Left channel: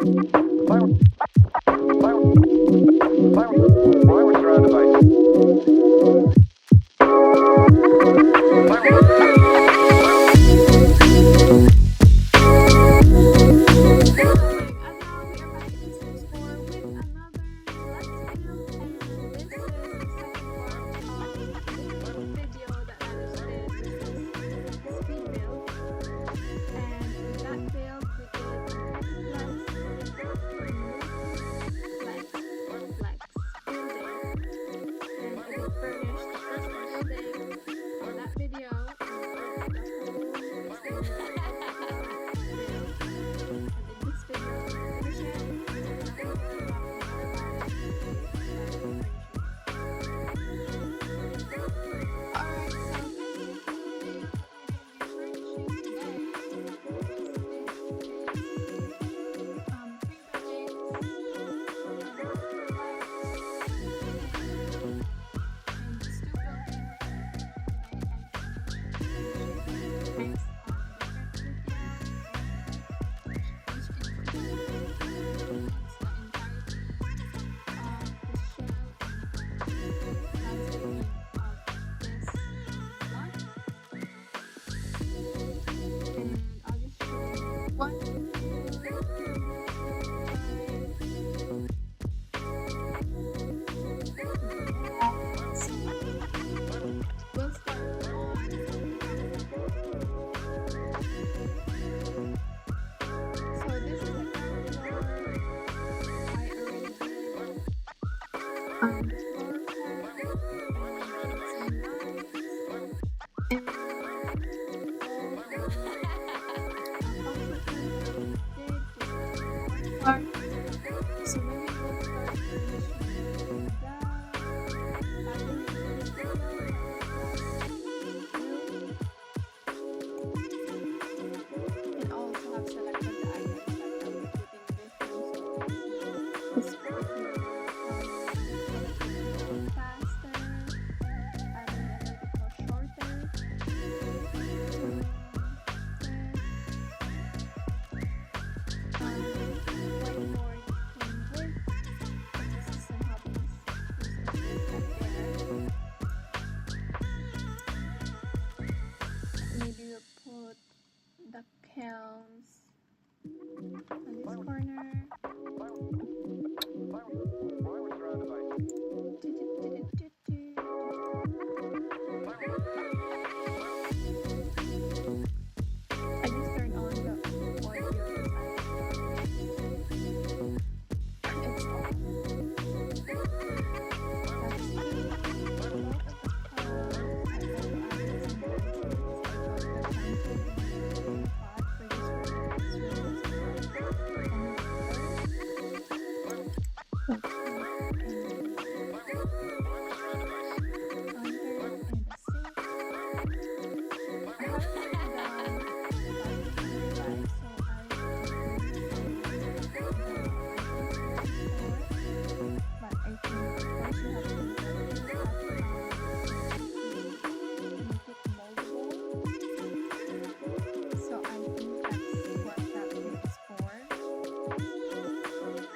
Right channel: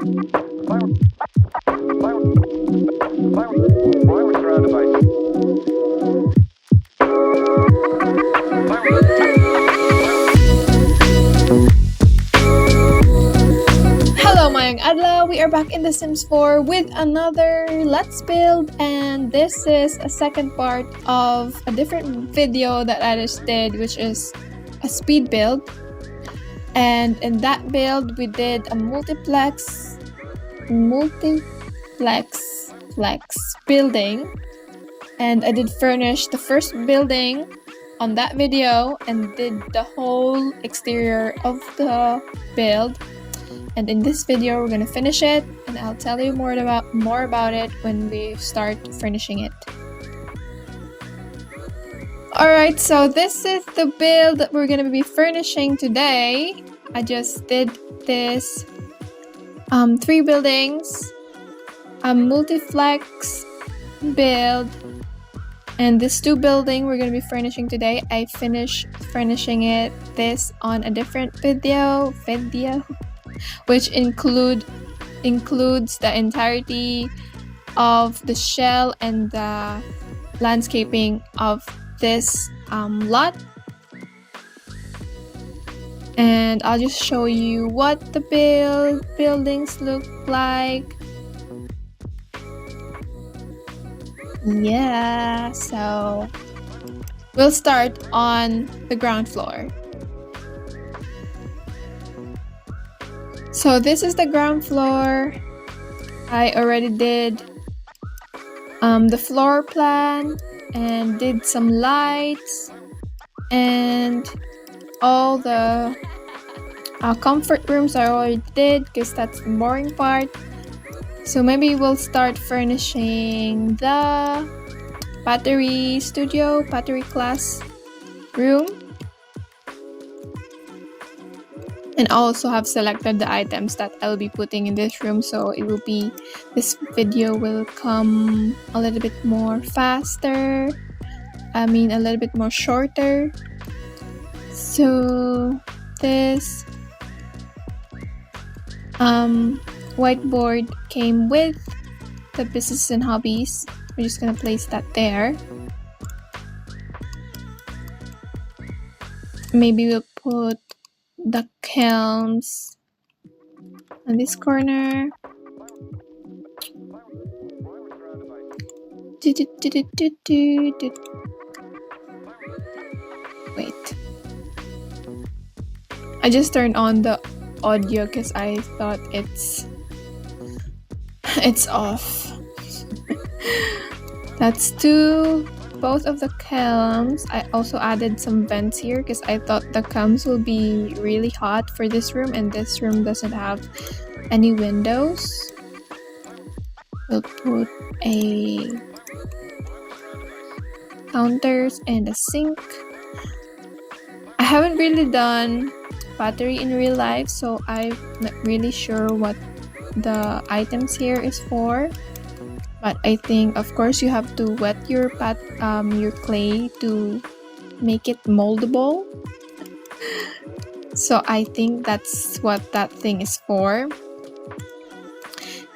Hello, mayang adlaw. We are back in The Sims 4 with another Let's Build, and this is a second part of a different video that I just did, which is a speed build. And in that build, we did a multiplex building, and I did furnish the first building on that video and did the whole exterior of the build. And in this video, we're gonna finish it, and I'll tell you more about it when we start furnishing it. Alright, so this is the build that we're gonna be furnishing today. I just did this 3 buildings, a multiplex build, and this 2 building we're gonna be furnishing today. I finished furnishing this on a different video, which includes the entirety of the shell and the landscaping of this lot. And I'll just show you what the buildings look like. Yeah, so we'll start on the ground floor. So this is the ground floor. I already did the floor plan and did some lights and all the comfort rooms I already did because that's the boring part. So maybe we'll start furnishing the pottery class room. And I also have selected the items that I'll be putting in this room, so this video will come a little bit more faster. A little bit more shorter. So this whiteboard came with the business and hobbies. We're just gonna place that there. Maybe we'll put the kelms in this corner. Wait. I just turned on the audio because I thought it's off. That's both of the kelms. I also added some vents here because I thought the kelms will be really hot for this room, and this room doesn't have any windows. We'll put a counters and a sink. I haven't really done pottery in real life, so I'm not really sure what the items here is for. But I think, of course, you have to wet your clay to make it moldable. So I think that's what that thing is for.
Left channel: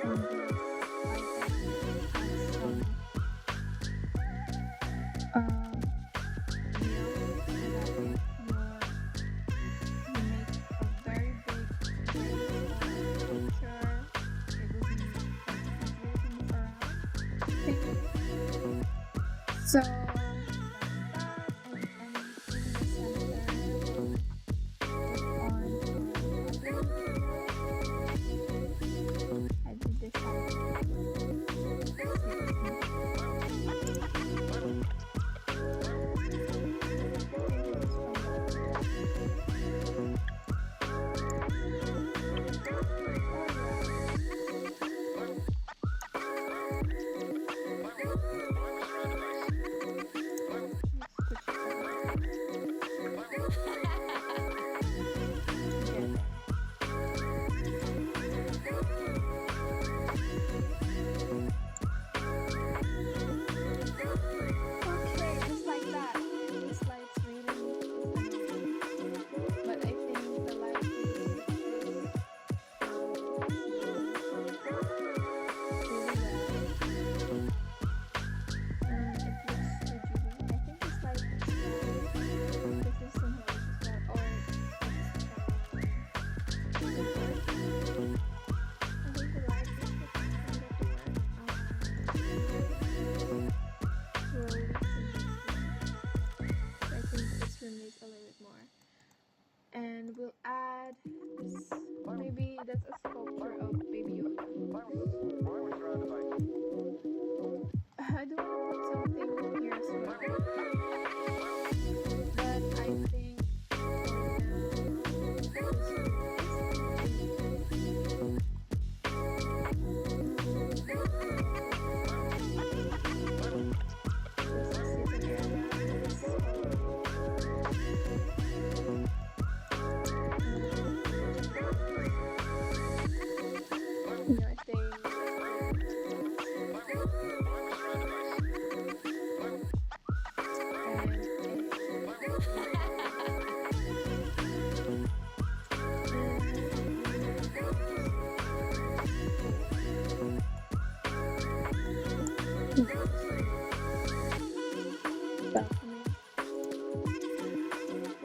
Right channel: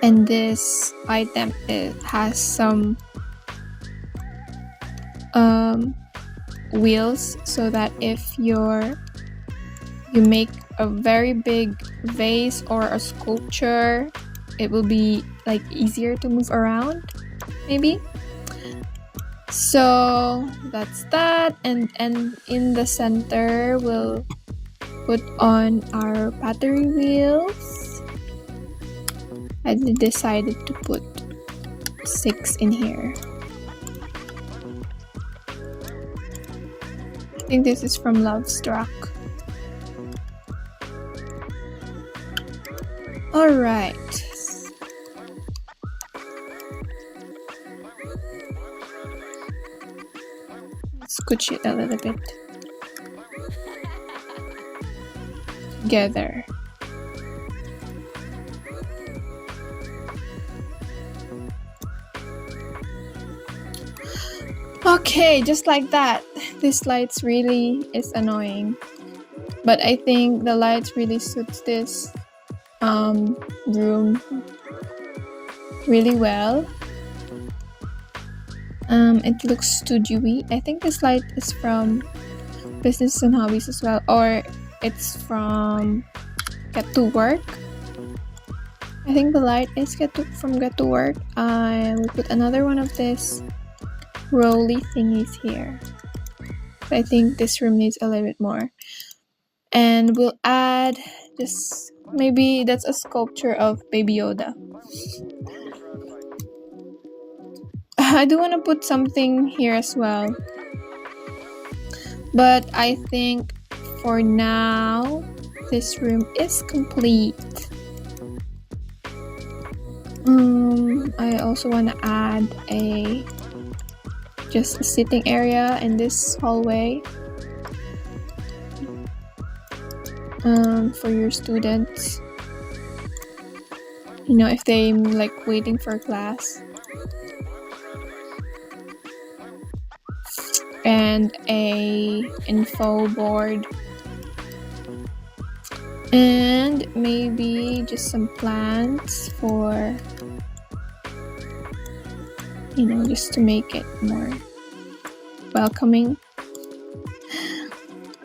And this item, it has some wheels, so that if you make a very big vase or a sculpture, it will be like easier to move around, maybe. So that's that, and in the center we'll put on our pottery wheels. I decided to put 6 in here. I think this is from Love Struck. Alright. Scooch it a little bit together. Okay, just like that. This lights really is annoying, but I think the lights really suits this room really well. It looks studio-y. I think this light is from Business and Hobbies as well, or it's from Get to Work. I think the light is from Get to Work. I will put another one of this rolly thingies here. I think this room needs a little bit more. And we'll add just maybe that's a sculpture of Baby Yoda. I do want to put something here as well. But I think for now, this room is complete. I also want to add just a sitting area in this hallway for your students. You know, if they like waiting for class. And a info board. And maybe just some plants for, you know, just to make it more welcoming.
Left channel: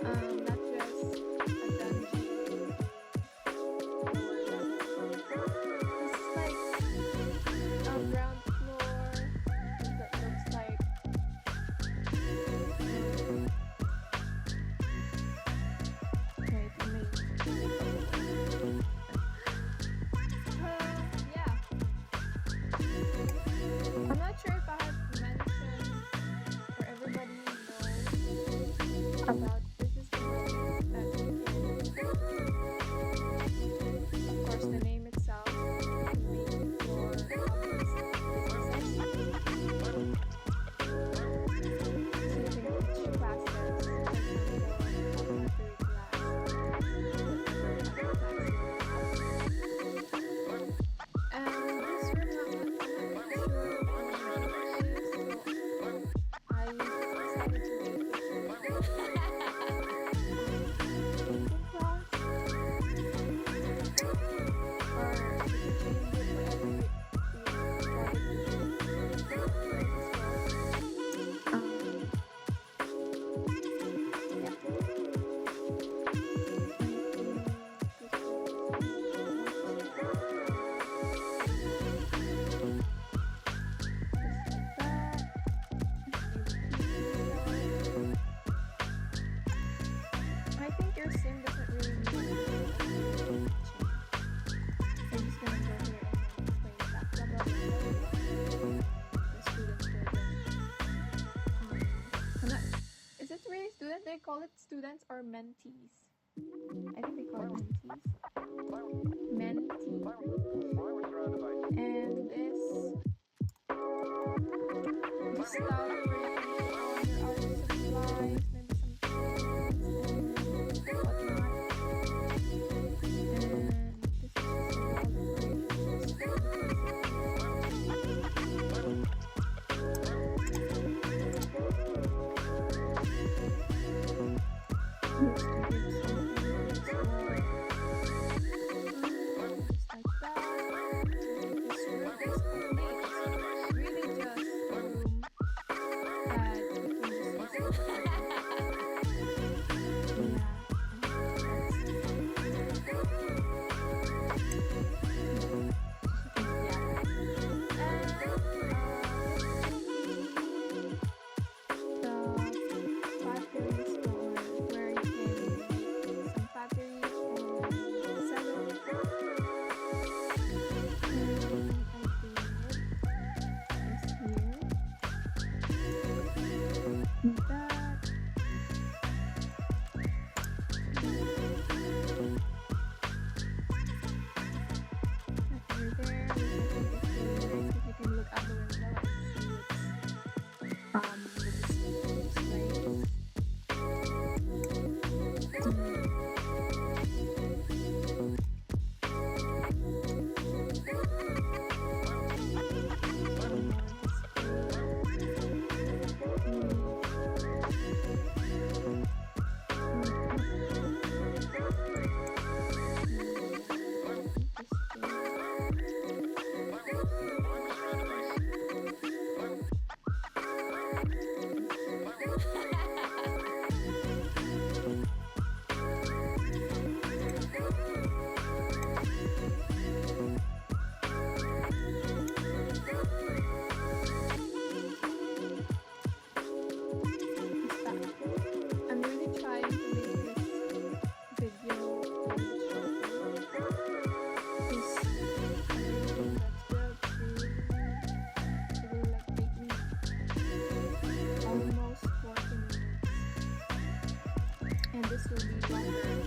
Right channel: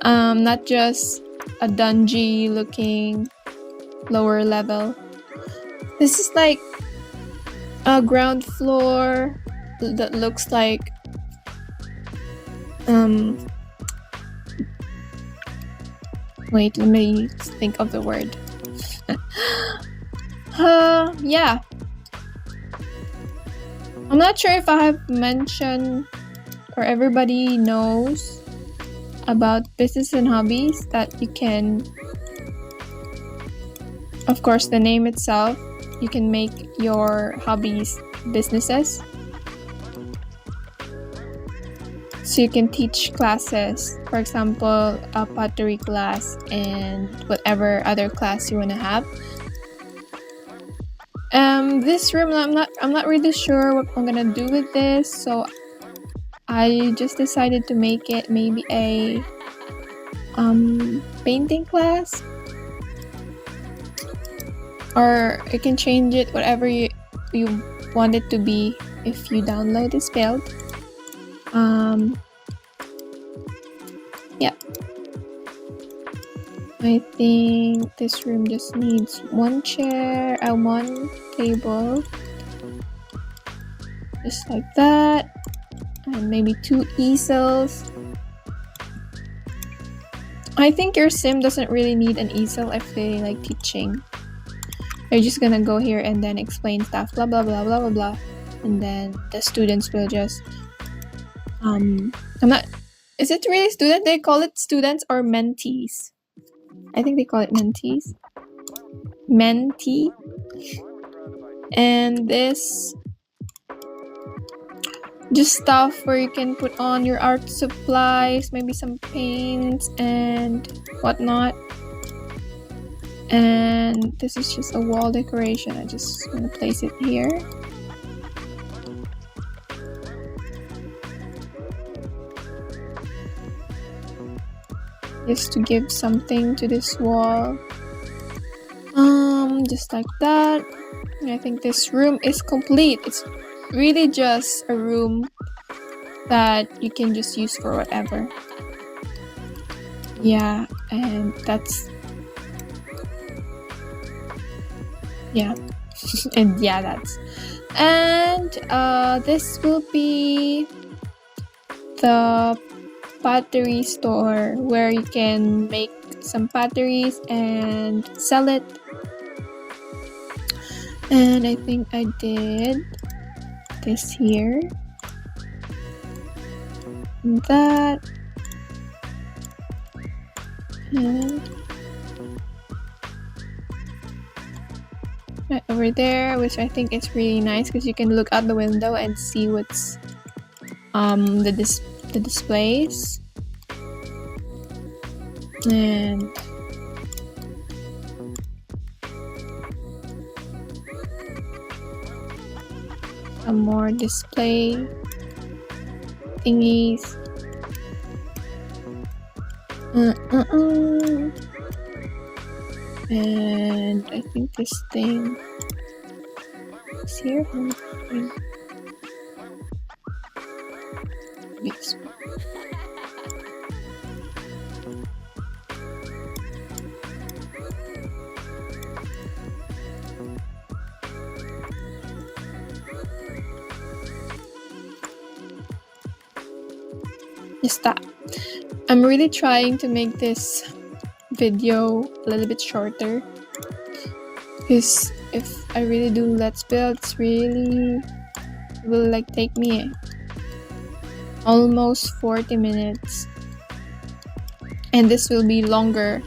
Not just a dungy looking lower level. This is like a ground floor that looks like wait, let me think of the word. Yeah. I'm not sure if I have mentioned or everybody knows about Business and Hobbies that you can, of course, the name itself, you can make your hobbies businesses. So you can teach classes, for example, a pottery class and whatever other class you want to have. This room, I'm not really sure what I'm gonna do with this, so I just decided to make it maybe a painting class, or you can change it whatever you want it to be if you download this build. Yeah, I think this room just needs one chair and one table, just like that, and maybe 2 easels. I think your sim doesn't really need an easel if they like teaching. They're just gonna go here and then explain stuff, blah blah blah blah blah blah, and then the students will just is it really student? They call it students or mentees. I think they call it mentees. Mentee. And this just stuff where you can put on your art supplies, maybe some paints and whatnot. And this is just a wall decoration. I just want to place it here. Just to give something to this wall. Just like that. And I think this room is complete. It's really just a room that you can just use for whatever. Yeah, and that's yeah. And yeah, that's and this will be the pottery store where you can make some potteries and sell it. And I think I did this here and that, and right over there, which I think is really nice because you can look out the window and see what's the displays. And some more display thingies. And I think this thing is here. Yes. Stop. I'm really trying to make this video a little bit shorter, because if I really do let's build, it's really will like take me almost 40 minutes, and this will be longer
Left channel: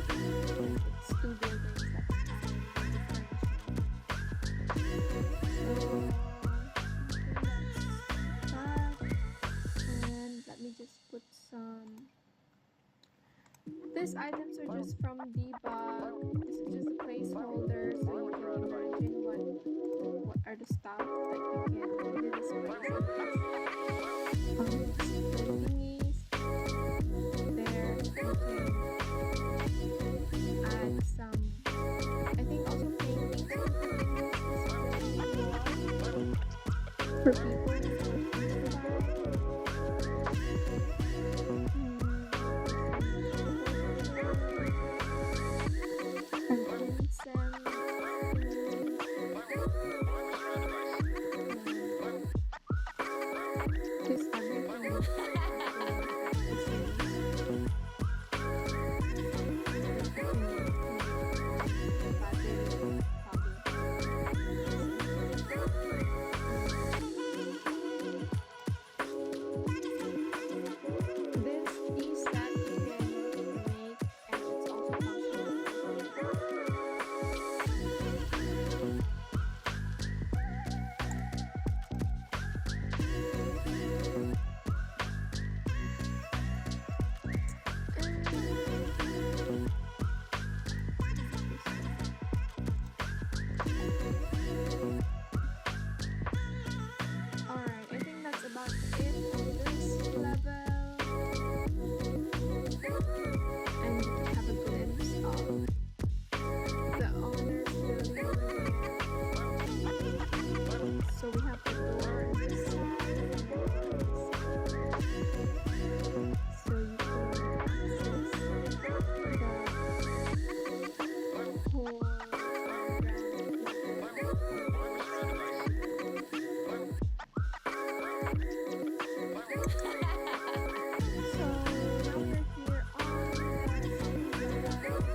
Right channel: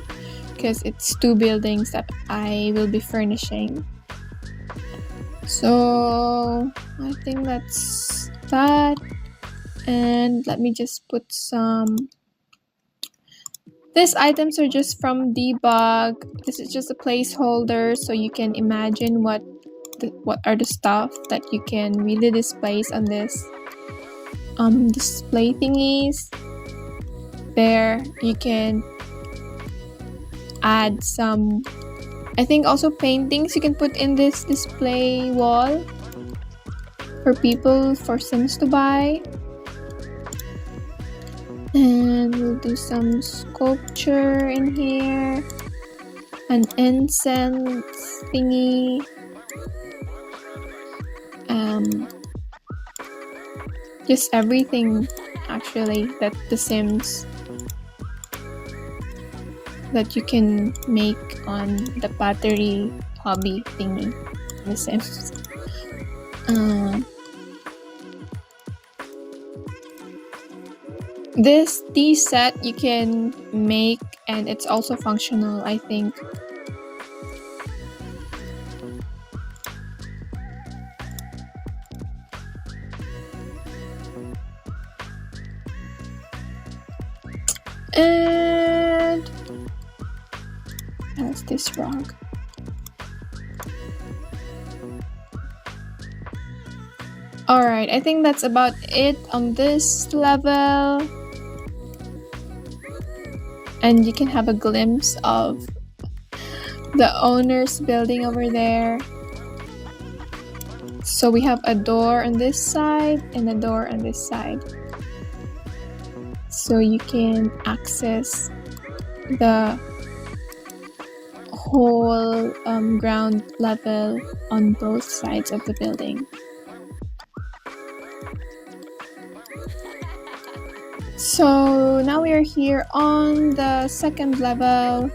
because it's 2 buildings that I will be furnishing. So I think that's that. And let me just put some. These items are just from debug. This is just a placeholder, so you can imagine what are the stuff that you can really display on this display thingies. There you can add some, I think also paintings you can put in this display wall for people, for Sims to buy. And we'll do some sculpture in here, an incense thingy, just everything actually that the Sims that you can make on the pottery hobby thingy in the Sims. This tea set you can make, and it's also functional, I think. And how's this rock? Alright, I think that's about it on this level. And you can have a glimpse of the owner's building over there. So we have a door on this side and a door on this side. So you can access the whole ground level on both sides of the building. So now we are here on the second level,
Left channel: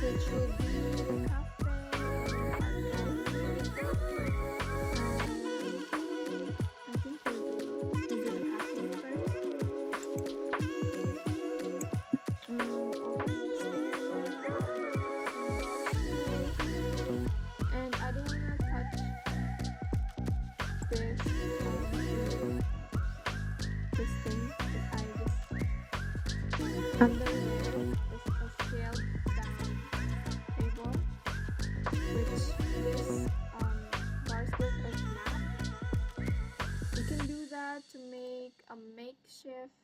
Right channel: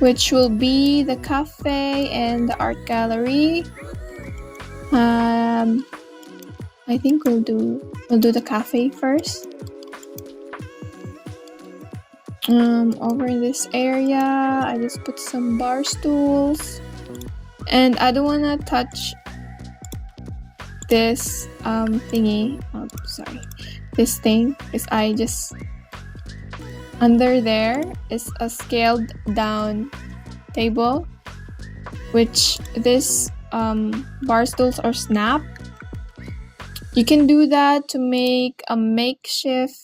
which will be the cafe and the art gallery. I think we'll do the cafe first. Over in this area, I just put some bar stools, and I don't wanna touch this thingy. Oh, sorry. This thing is I just under there is a scaled down table, which this bar stools are snap. You can do that to make a makeshift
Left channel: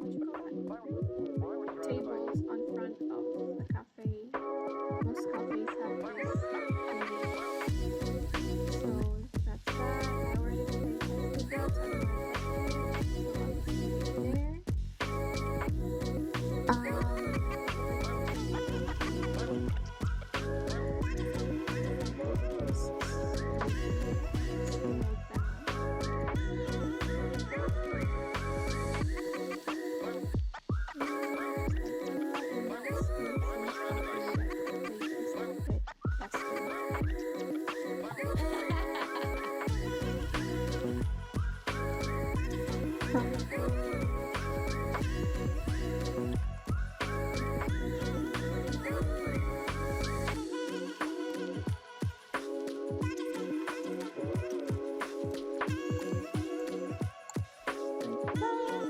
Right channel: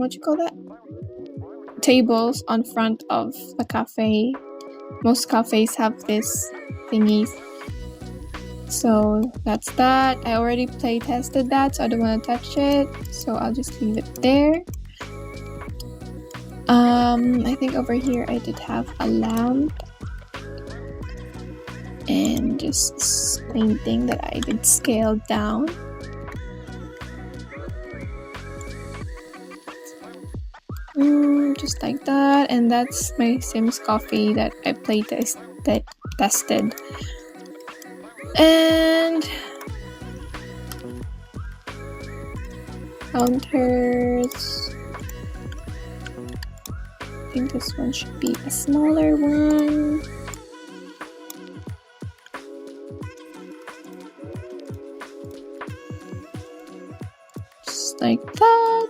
what you call that, tables on front of the cafe. Most cafes have this thingies. So that's that. I already play tested that, so I don't want to touch it, so I'll just leave it there. I think over here I did have a lamp and just painting that I did scale down. Just like that, and that's my Sims coffee that I tested. And counters. I think this one should be a smaller one. Just like that.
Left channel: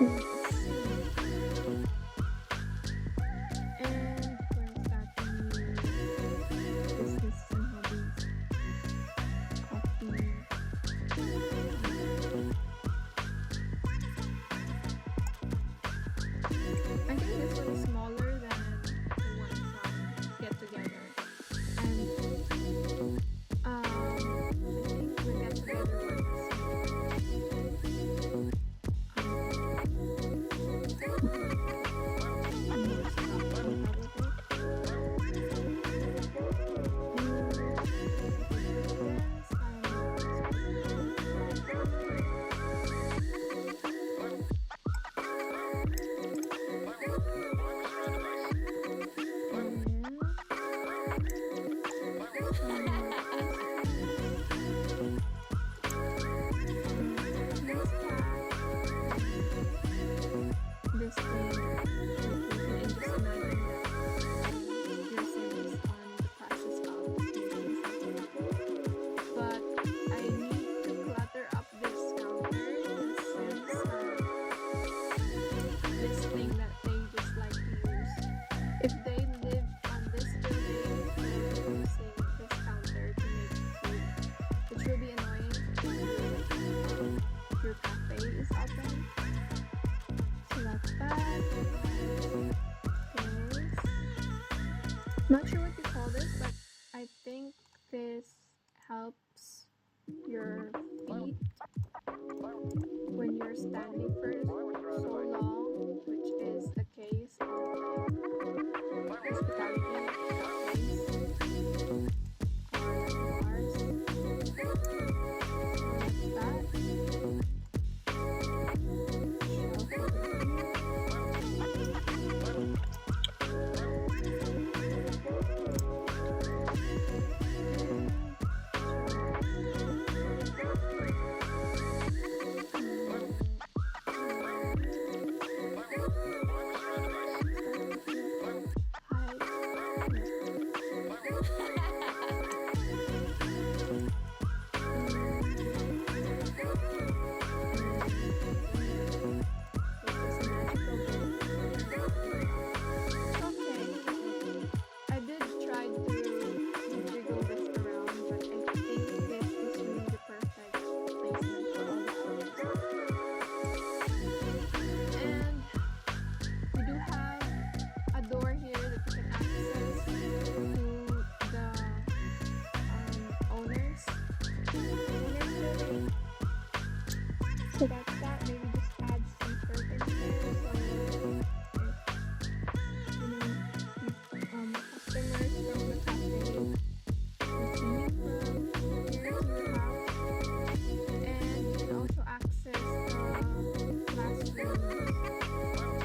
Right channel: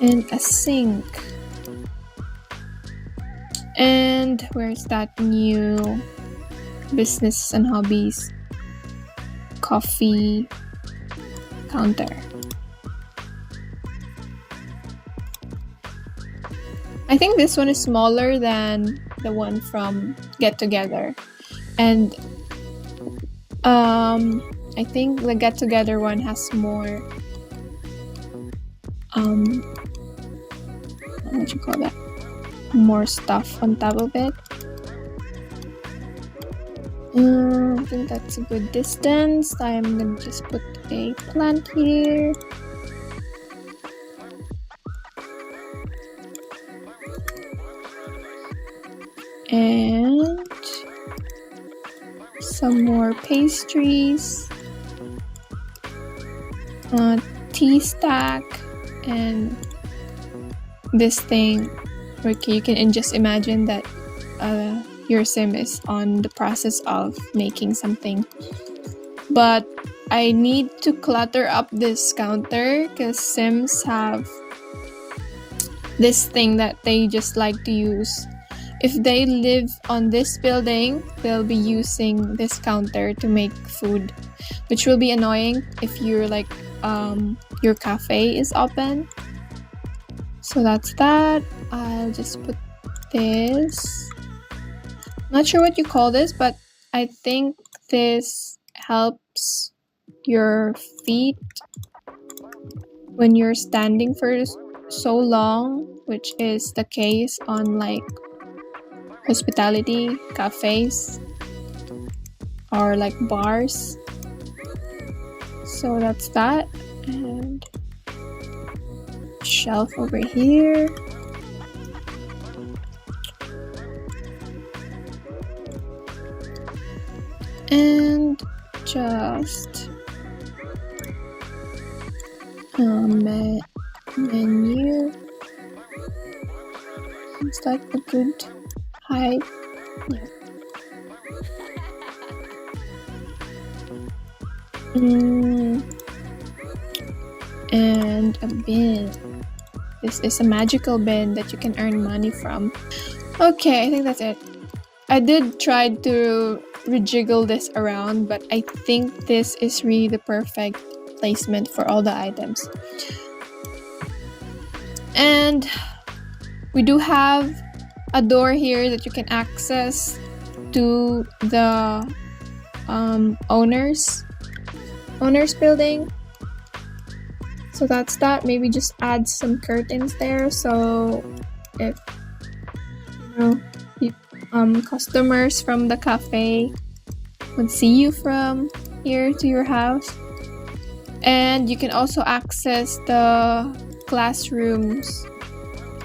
And a sink. And where's that new business and hobbies coffee counter? I think this one is smaller than the one from Get Together. And I think the Get Together one has more what you call that? More stuff on top of it. I think that's a good distance. I'm gonna just put a plant here. And some more pastries. Tea stack and this thing. Okay, you can just imagine that your sim is on the process of making something. But I need to clutter up this counter because sims have this thing that they just like to use. If they live on this building, they'll be using this counter to make food, which will be annoying if you're like your cafe is open. So that's that. I'll just put this. I'm not sure what you call this, but I think this helps your feet when you're standing for so long, which is the case on like hospitality cafes or like bars. So that's that. And shelf over here. And just menu. Is that a good height? Yeah. And a bin. This is a magical bin that you can earn money from. Okay, I think that's it. I did try to rejiggle this around, but I think this is really the perfect placement for all the items. And we do have a door here that you can access to the owner's building. So that's that. Maybe just add some curtains there, so if customers from the cafe would see you from here to your house. And you can also access the classrooms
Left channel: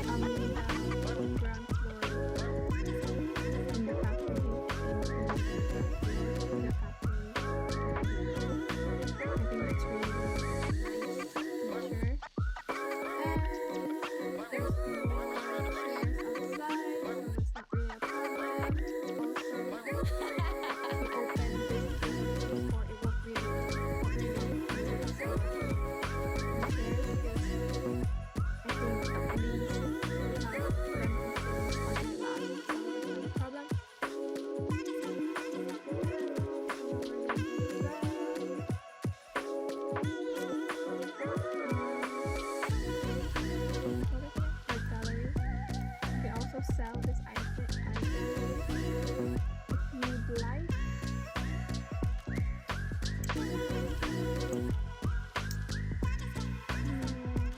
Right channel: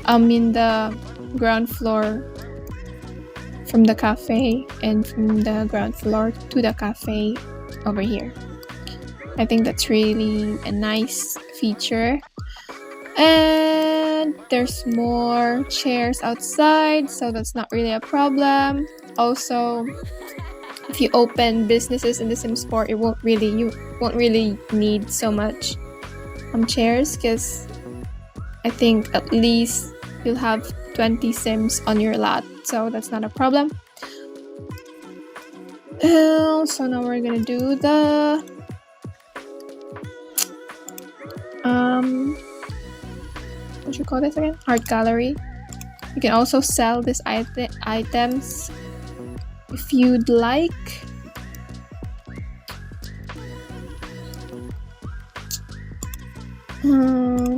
in the ground floor from the cafe, and from the ground floor to the cafe over here. I think that's really a nice feature. And there's more chairs outside, so that's not really a problem. Also, if you open businesses in The Sims 4, you won't really need so much chairs, because I think at least you'll have 20 Sims on your lot, so that's not a problem. So now we're gonna do the what you call this again? Art gallery. You can also sell these items if you'd like.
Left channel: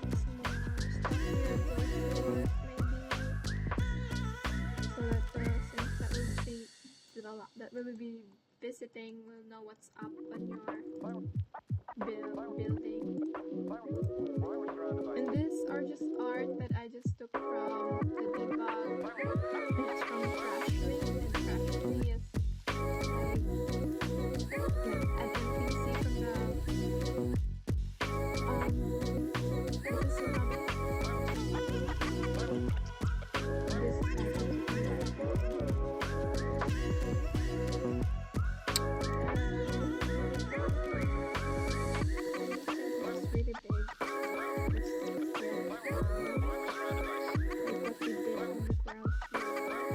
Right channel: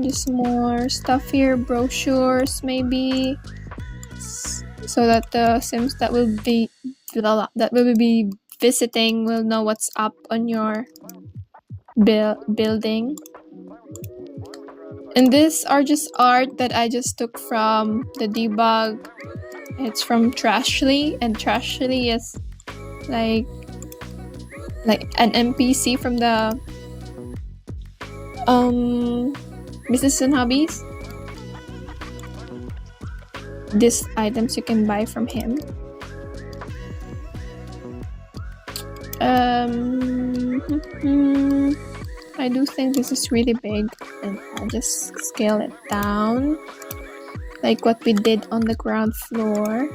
Just more stuff here, brochures maybe, so that the Sims that will be visiting will know what's up on your building. And these are just art that I just took from the debug. It's from Trashly, and Trashly is like an NPC from the Business and Hobbies. These items you can buy from him. I do think this is really big, and I'll just scale it down like what we did on the ground floor.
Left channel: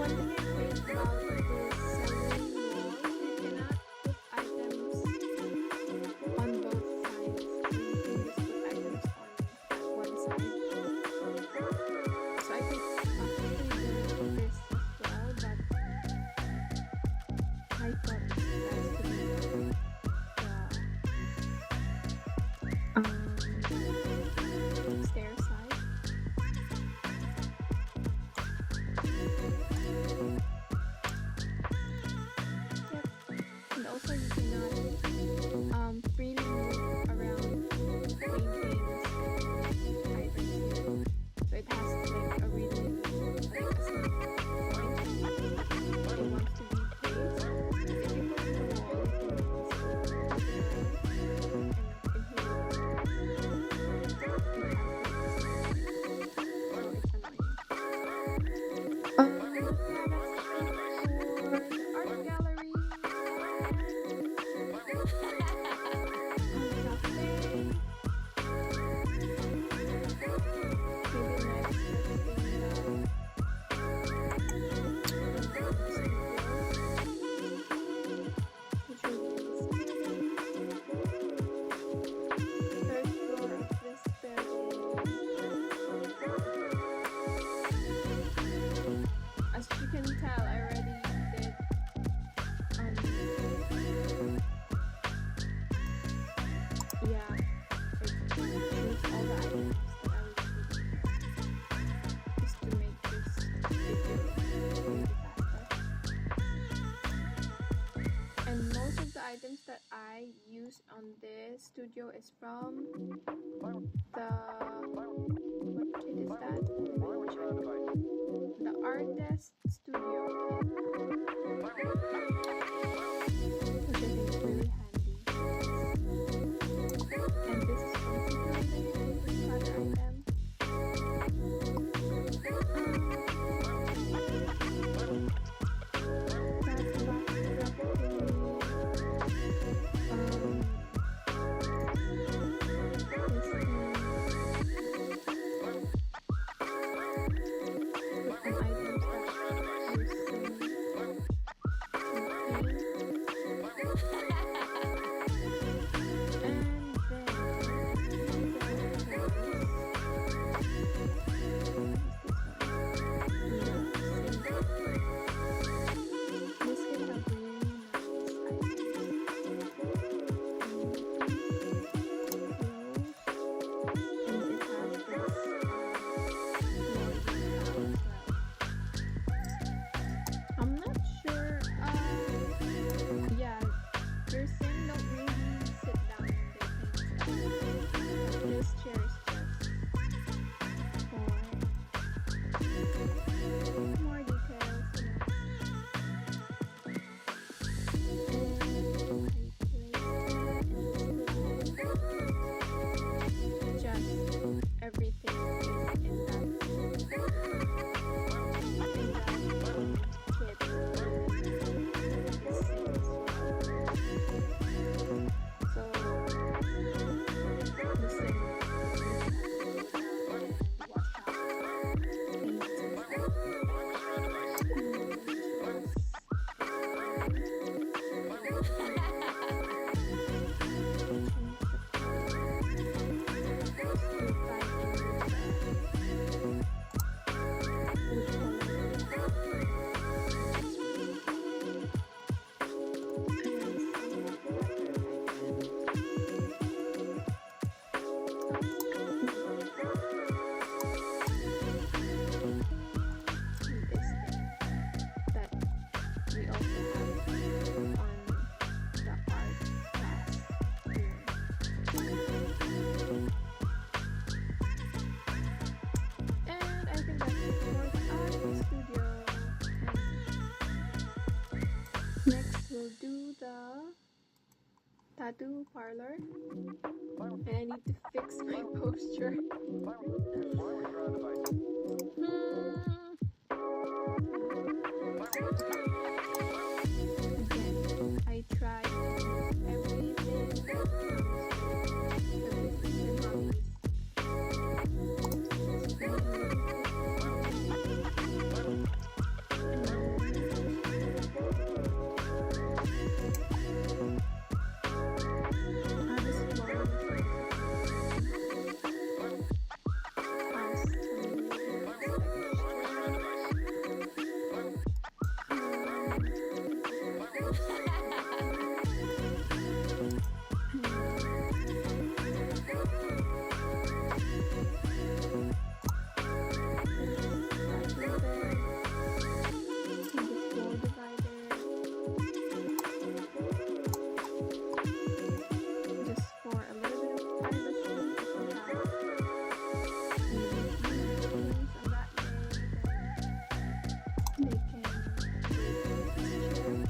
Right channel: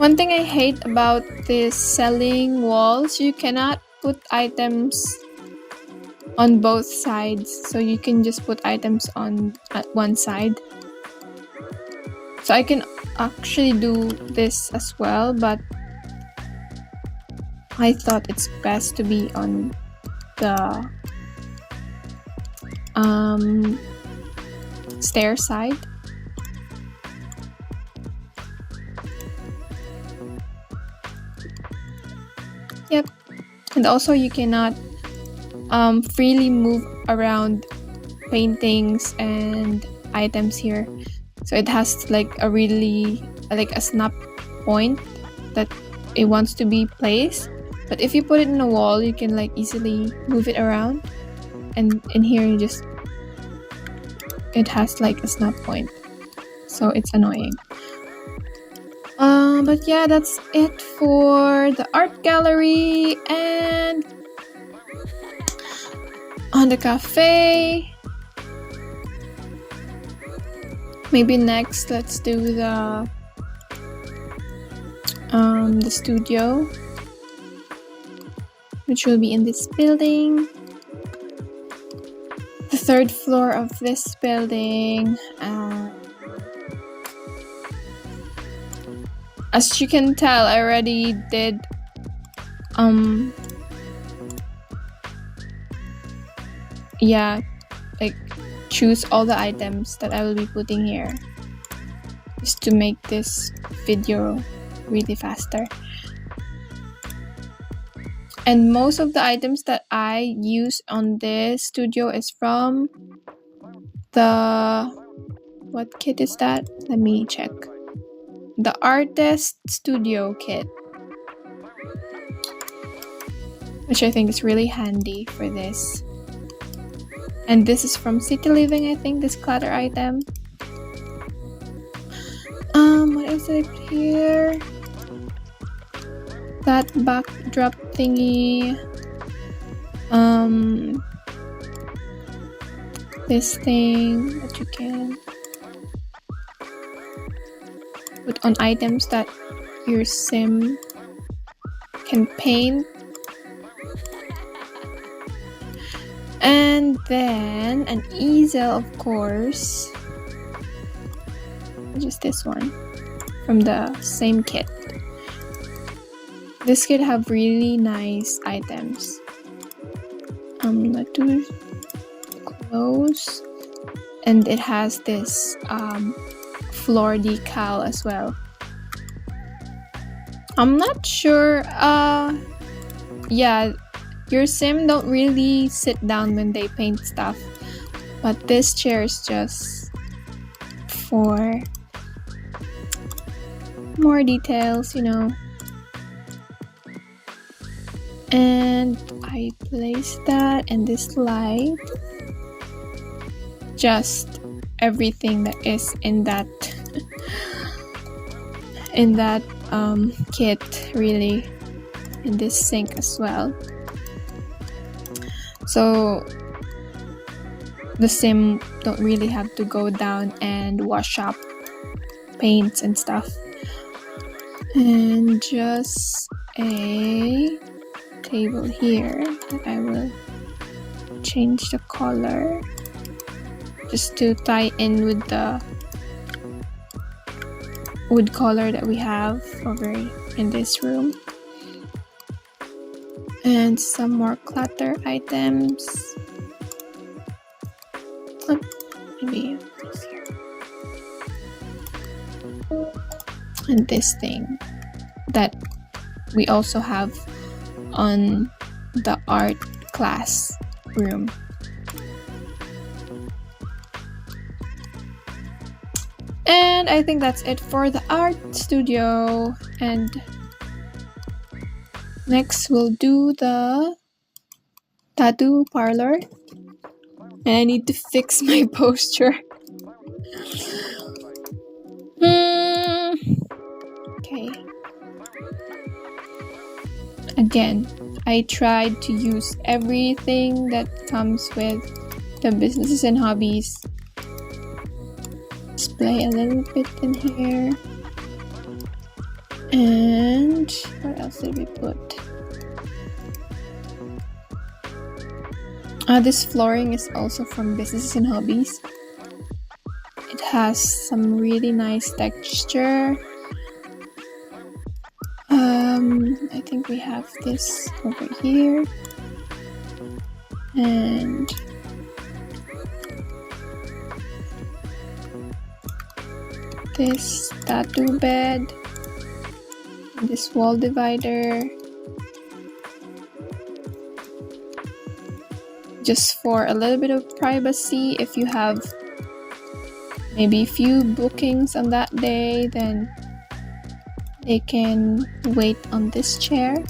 One thing I hate about this selling walls, you cannot put items on both sides, so you can just put items on at one side. So I can actually do this as well, but I thought it's best to be on the stair side. Yep. And also you cannot freely move around paintings and items here, so it has like a really like a snap point that it wants to be placed. But if you put it in a wall, you can like easily move it around, and in here you just, it has like a snap point, so it's annoying. But yeah, that's it for the art gallery. And on the cafe, maybe next let's do the studio, which will be in this building, the third floor of this building. As you can tell, I already did like choose all the items that I will be putting here, just to make this video really faster. And most of the items that I use on this studio is from the, what kit is that? Let me check. The Artist Studio kit, which I think is really handy for this. And this is from City Living, I think, this clutter item. What is it here? That backdrop thingy. This thing that you can put on items that your sim can paint. And then an easel, of course, just this one from the same kit. This kit have really nice items. The two clothes, and it has this floor decal as well. I'm not sure. Yeah, your sim don't really sit down when they paint stuff, but this chair is just for more details, you know. And I placed that, and this light, just everything that is in that kit, really, in this sink as well. So the sim don't really have to go down and wash up paints and stuff. And just a table here that I will change the color just to tie in with the wood color that we have over in this room. And some more clutter items. Maybe this here. And this thing that we also have on the art class room. And I think that's it for the art studio. And next we'll do the tattoo parlor. And I need to fix my posture. Okay. Again, I tried to use everything that comes with the businesses and hobbies. Display a little bit in here. And what else did we put? This flooring is also from Businesses and Hobbies. It has some really nice texture. I think we have this over here. And this tattoo bed. And this wall divider. Just for a little bit of privacy, if you have maybe a few bookings on that day, then they can wait on this chair.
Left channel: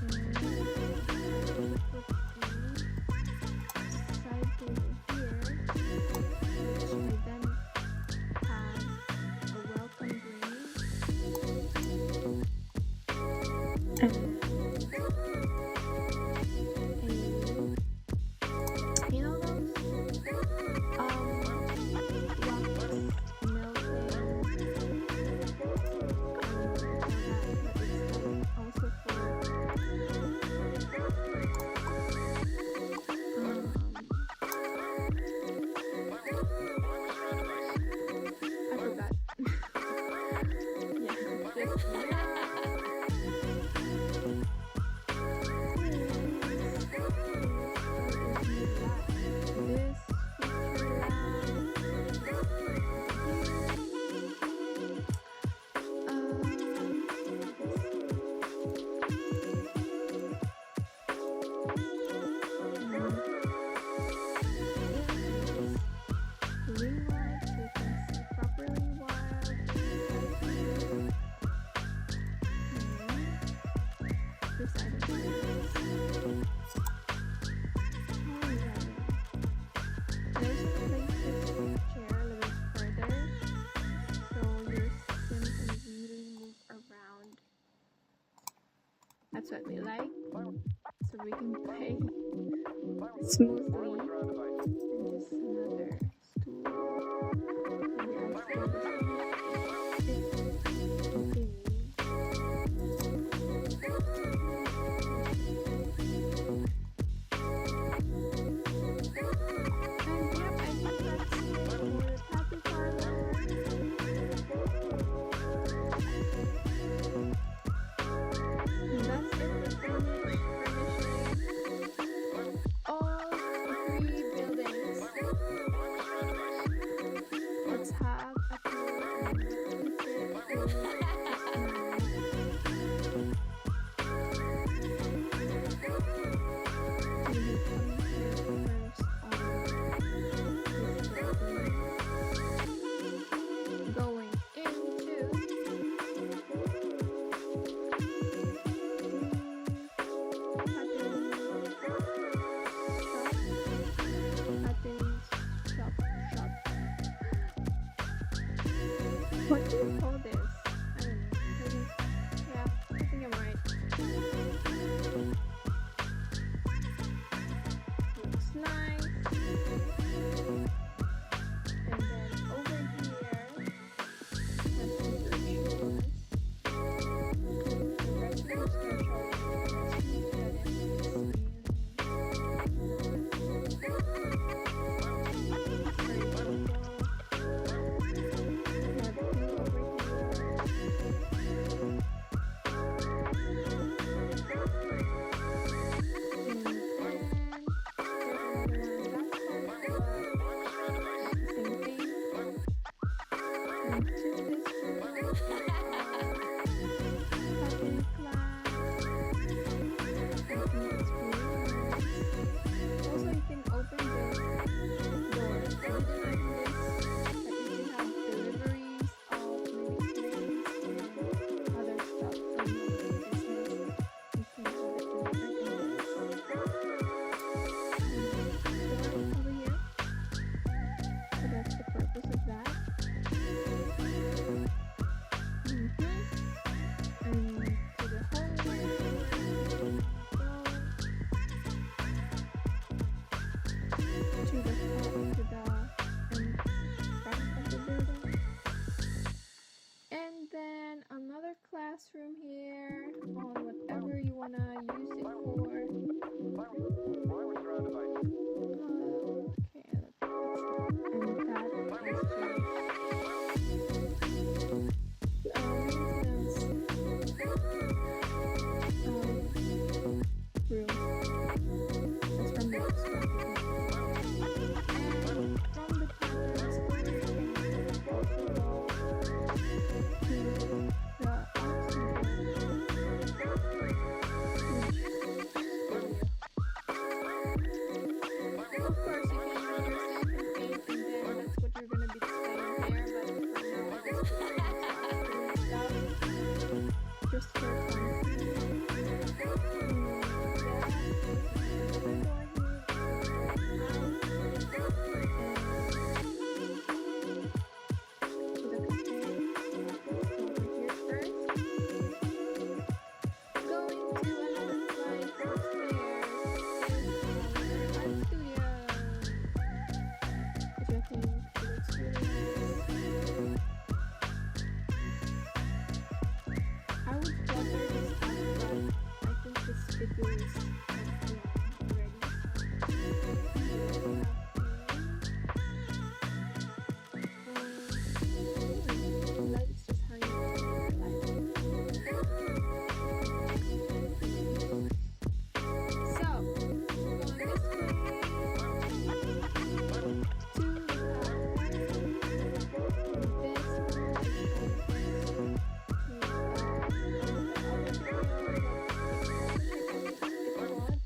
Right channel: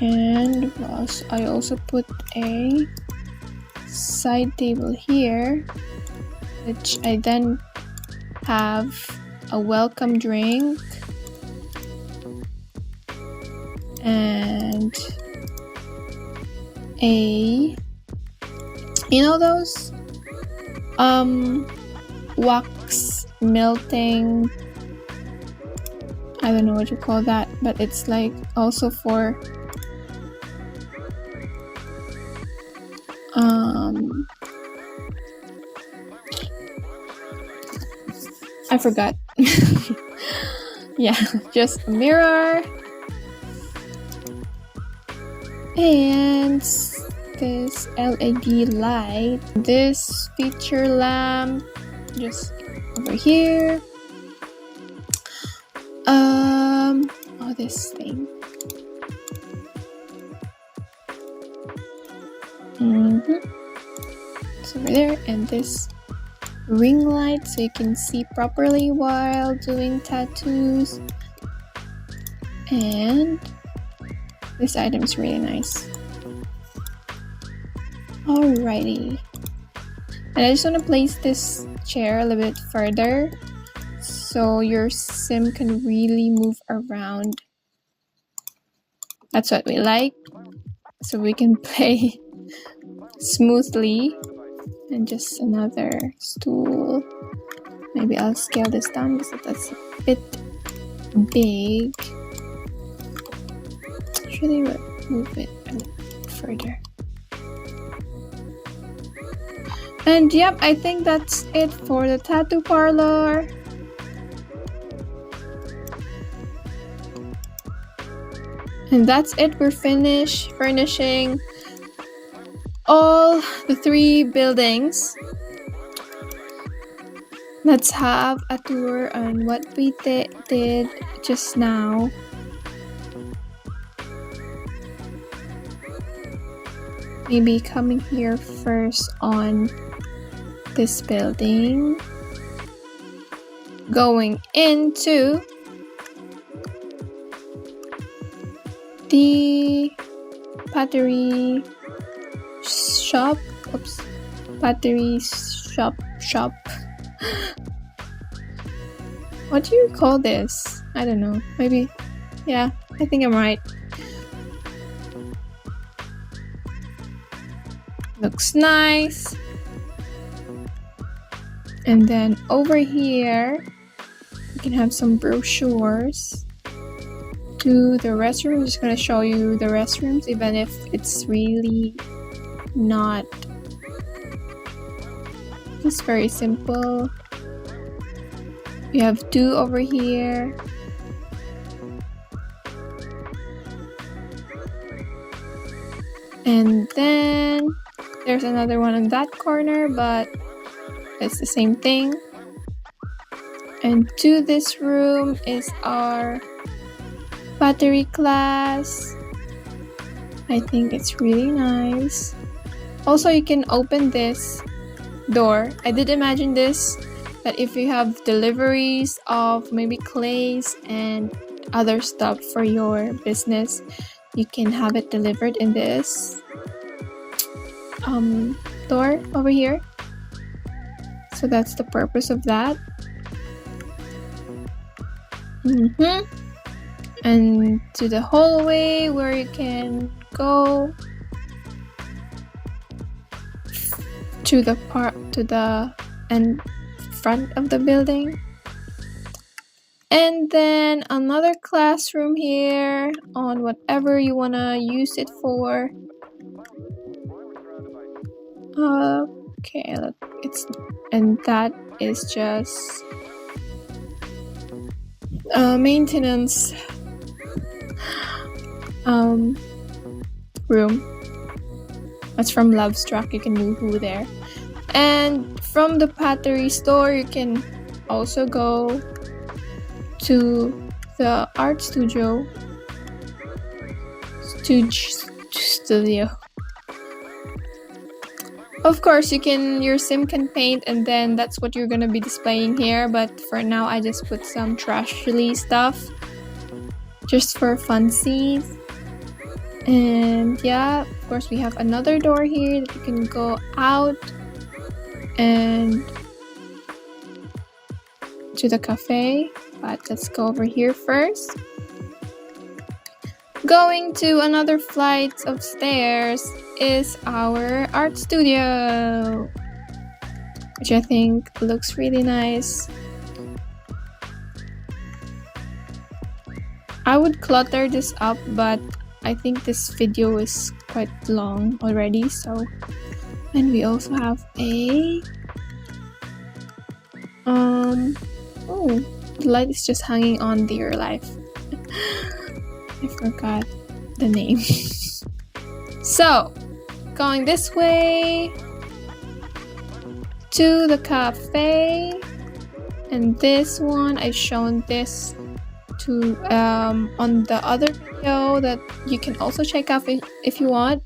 And I also put a side table here, which I then have a welcome drink and those wax melting, I don't know what you call that, but it's like also for I forgot. Yeah, just a mirror and this LED light, this feature lamp just over here. This thing. It's over there, and this ring light so you can see properly while doing tattoos. And this item is really nice. Alrighty. And I just want to place this chair a little bit further so your sim can really move around. That's what we like, so we can play smoothly. And just another stool. Maybe I'll scale this down because that's a bit big. Actually, move it a bit further. And yep, I think that's it for the tattoo parlor. And that's it. We're finished furnishing all the 3 buildings. Let's have a tour on what we did just now. Maybe coming here first on this building. Going into the pottery shop. Pottery shop. What do you call this? I don't know. Maybe, yeah, I think I'm right. Looks nice. And then over here, you can have some brochures to the restroom. I'm just gonna show you the restrooms, even if it's really not. It's very simple. We have 2 over here. And then there's another one in that corner, but it's the same thing. And to this room is our pottery class. I think it's really nice. Also, you can open this door. I did imagine this, that if you have deliveries of maybe clays and other stuff for your business, you can have it delivered in this door over here. So that's the purpose of that. And to the hallway where you can go to the end front of the building. And then another classroom here on whatever you want to use it for. Okay, look, and that is just maintenance room. That's from Lovestruck. You can move there. And from the pottery store, you can also go to the art studio. Of course, your sim can paint, and then that's what you're gonna be displaying here. But for now, I just put some trash release stuff, just for funsies. And yeah, of course, we have another door here that you can go out and to the cafe. But let's go over here first. Going to another flight of stairs is our art studio, which I think looks really nice. I would clutter this up, but I think this video is quite long already, so. And we also have a oh, the light is just hanging on Dear Life. I forgot the name. So, going this way to the cafe, and this one I've shown this to on the other video that you can also check out if you want.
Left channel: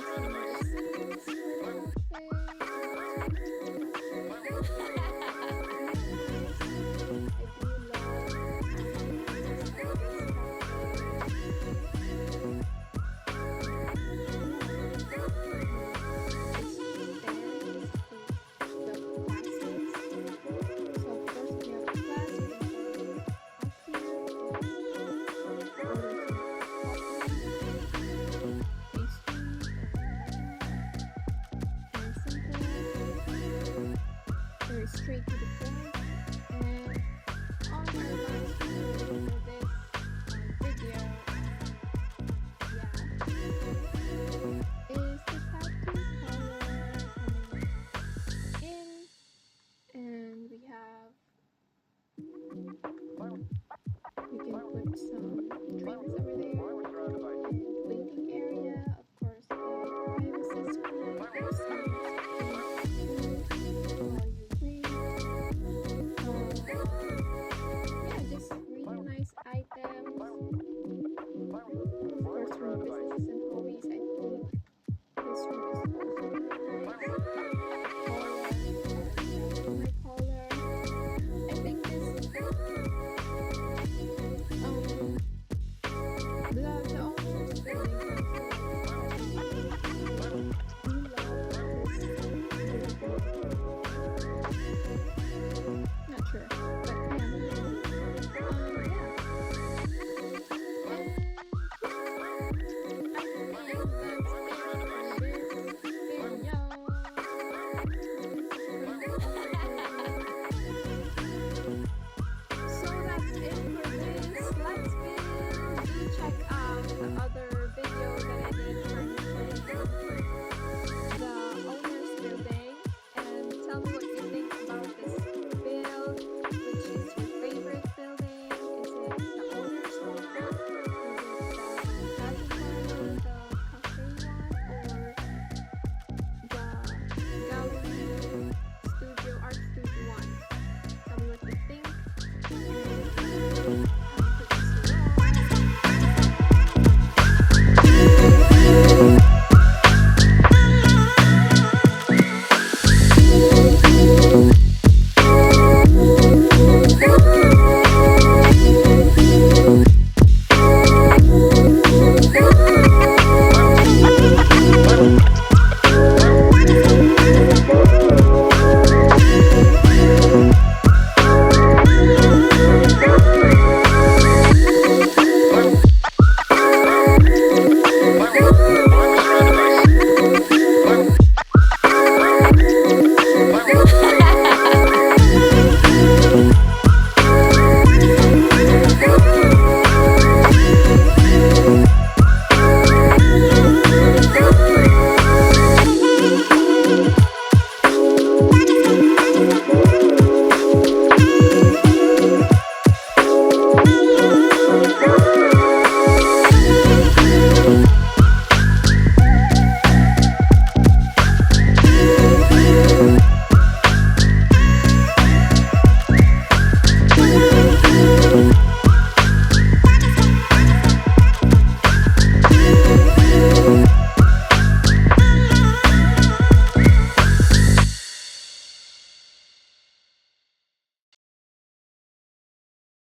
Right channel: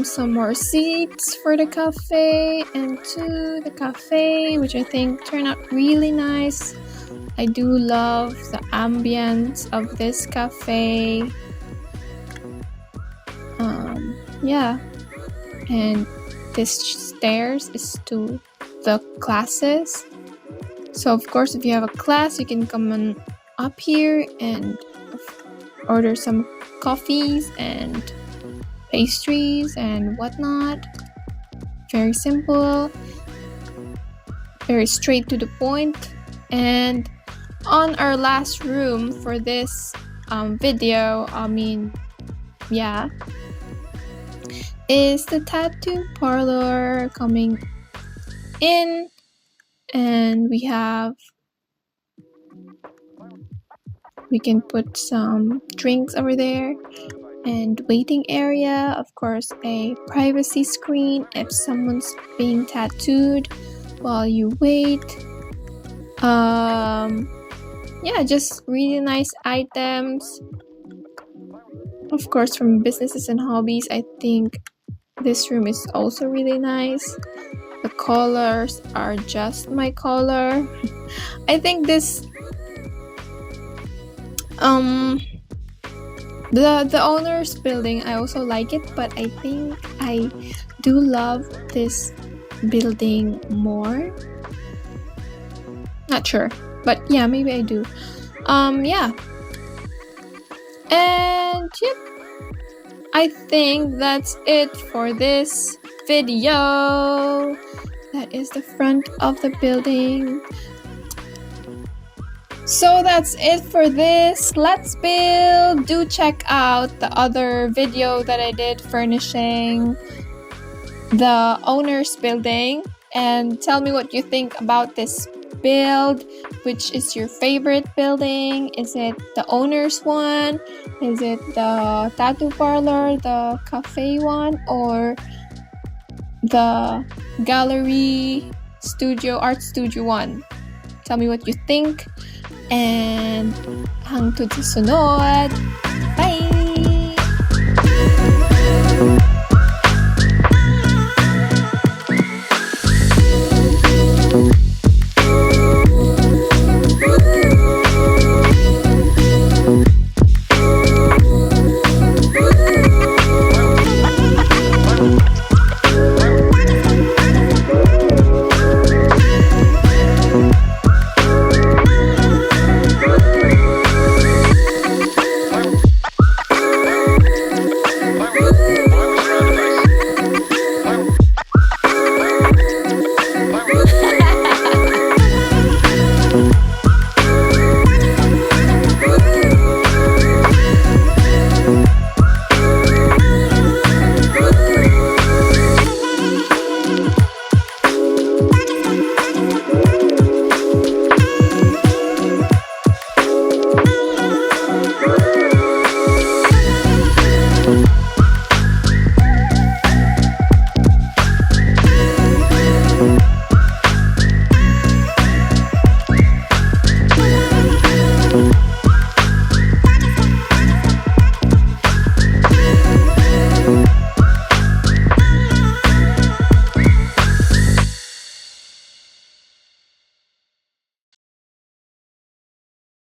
Some more seats for the cafe and to the cafe, which I think turned out really nice. I do love the ambience of this cafe. Yeah, and this stairs is to the classes. So of course, if you have a class, you can come on up here and order some coffees and pastries and whatnot. Very simple, very straight to the point. And on our last room for this video, is the tattoo parlor coming in, and we can put some drinks over there and waiting area, of course a privacy screen if someone's being tattooed while you wait. Yeah, just really nice items. Of course, from businesses and hobbies, I think this room is also really nice. The colors are just my color. I think this the owner's building, I also like it, but I think I do love this building more. Not sure, but yeah, maybe I do. Yeah. And yep, I think that's it for this video. That is the front of the building. So that's it for this Let's Build. Do check out the other video that I did furnishing the owner's building, and tell me what you think about this build. Which is your favorite building? Is it the owner's one? Is it the tattoo parlor, the cafe one, or the gallery studio, art studio one? Tell me what you think. And hanggang sa susunod. Bye!